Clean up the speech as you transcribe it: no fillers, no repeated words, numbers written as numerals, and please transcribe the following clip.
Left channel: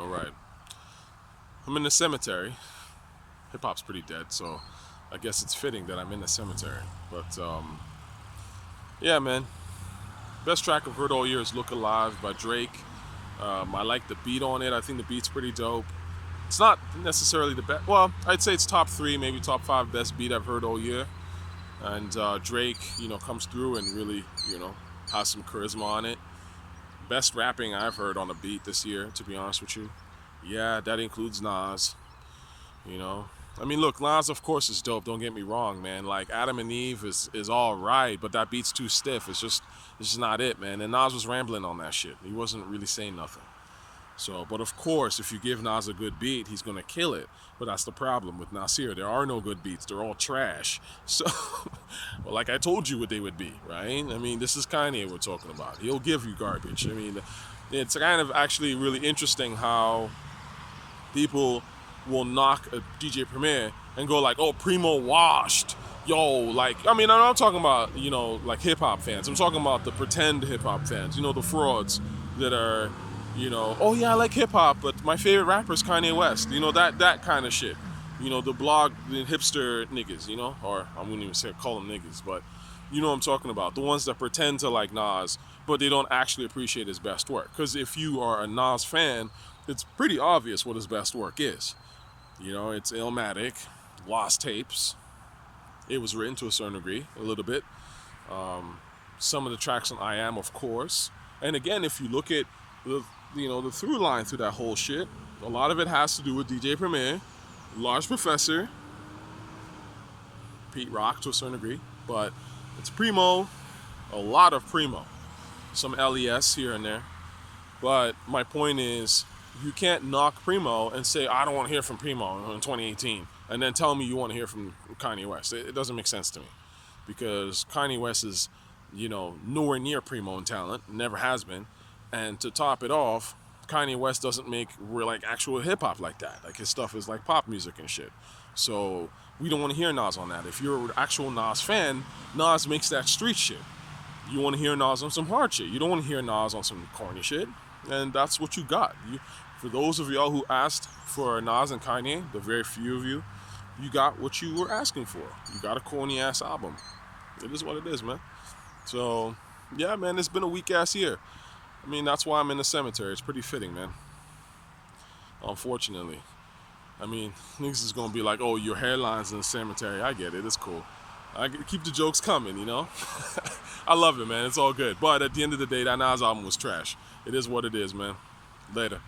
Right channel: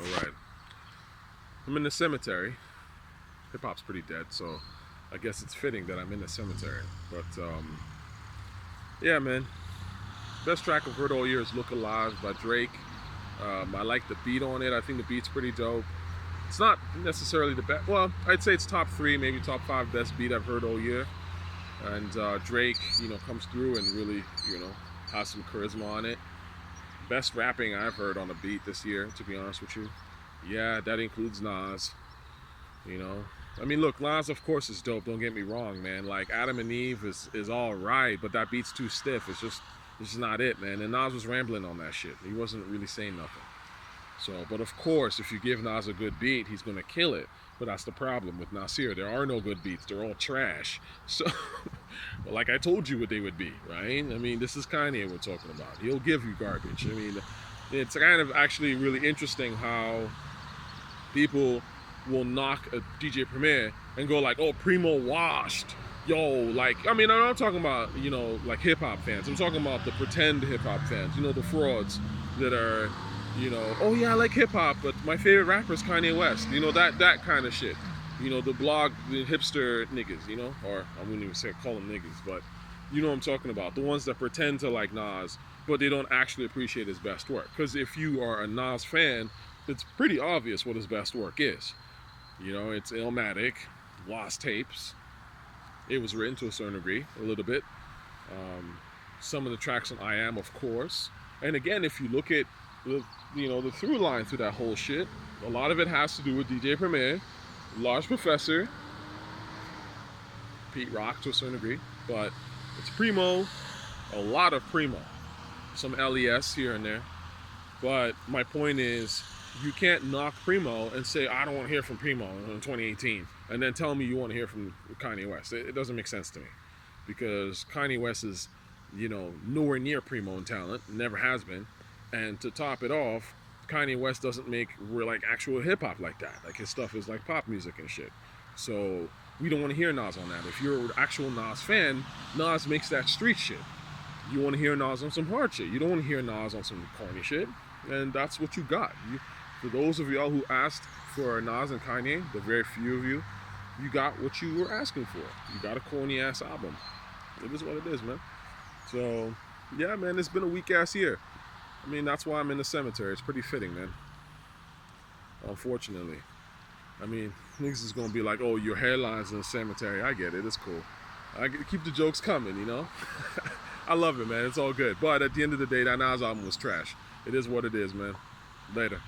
All right. I'm in the cemetery. Hip hop's pretty dead, so I guess it's fitting that I'm in the cemetery. But yeah, man. Best track I've heard all year is "Look Alive" by Drake. I like the beat on it. I think the beat's pretty dope. It's not necessarily the best. Well, I'd say it's top three, maybe top five best beat I've heard all year. And Drake, comes through and really, has some charisma on it. Best rapping I've heard on a beat this year, to be honest with you. Yeah, that includes Nas. You know, I mean, look, Nas of course is dope. Don't get me wrong, man. Like Adam and Eve is all right, but that beat's too stiff. It's just not it, man. And Nas was rambling on that shit. He wasn't really saying nothing. So, but of course, if you give Nas a good beat, he's gonna kill it. But that's the problem with Nasir. There are no good beats. They're all trash. So, well, like I told you what they would be, right? I mean, this is Kanye we're talking about. He'll give you garbage. I mean, it's kind of actually really interesting how people will knock a DJ Premier and go like, "Oh, Primo washed." Yo, like, I mean, I'm not talking about, like hip hop fans. I'm talking about the pretend hip hop fans, the frauds that are, oh yeah, I like hip hop, but my favorite rapper is Kanye West. That kind of shit. The hipster niggas, or I wouldn't even call them niggas, but you know what I'm talking about. The ones that pretend to like Nas, but they don't actually appreciate his best work. Because if you are a Nas fan, it's pretty obvious what his best work is. It's Illmatic, Lost Tapes. It was written to a certain degree, a little bit. Some of the tracks on I Am, of course. And again, if you look at the through line through that whole shit, a lot of it has to do with DJ Premier, Large Professor, Pete Rock to a certain degree, but it's Primo, a lot of Primo, some LES here and there. But my point is, you can't knock Primo and say, I don't want to hear from Primo in 2018, and then tell me you want to hear from Kanye West. It doesn't make sense to me, because Kanye West is, nowhere near Primo in talent, never has been. And to top it off, Kanye West doesn't make like actual hip hop like that. Like his stuff is like pop music and shit. So we don't want to hear Nas on that. If you're an actual Nas fan, Nas makes that street shit. You want to hear Nas on some hard shit. You don't want to hear Nas on some corny shit. And that's what you got. For those of y'all who asked for Nas and Kanye, the very few of you, you got what you were asking for. You got a corny ass album. It is what it is, man. So yeah, man, it's been a weak ass year. I mean, that's why I'm in the cemetery. It's pretty fitting, man. Unfortunately. I mean, niggas is gonna be like, oh, your hairline's in the cemetery. I get it. It's cool. Keep the jokes coming, I love it, man. It's all good. But at the end of the day, that Nas album was trash. It is what it is, man. Later.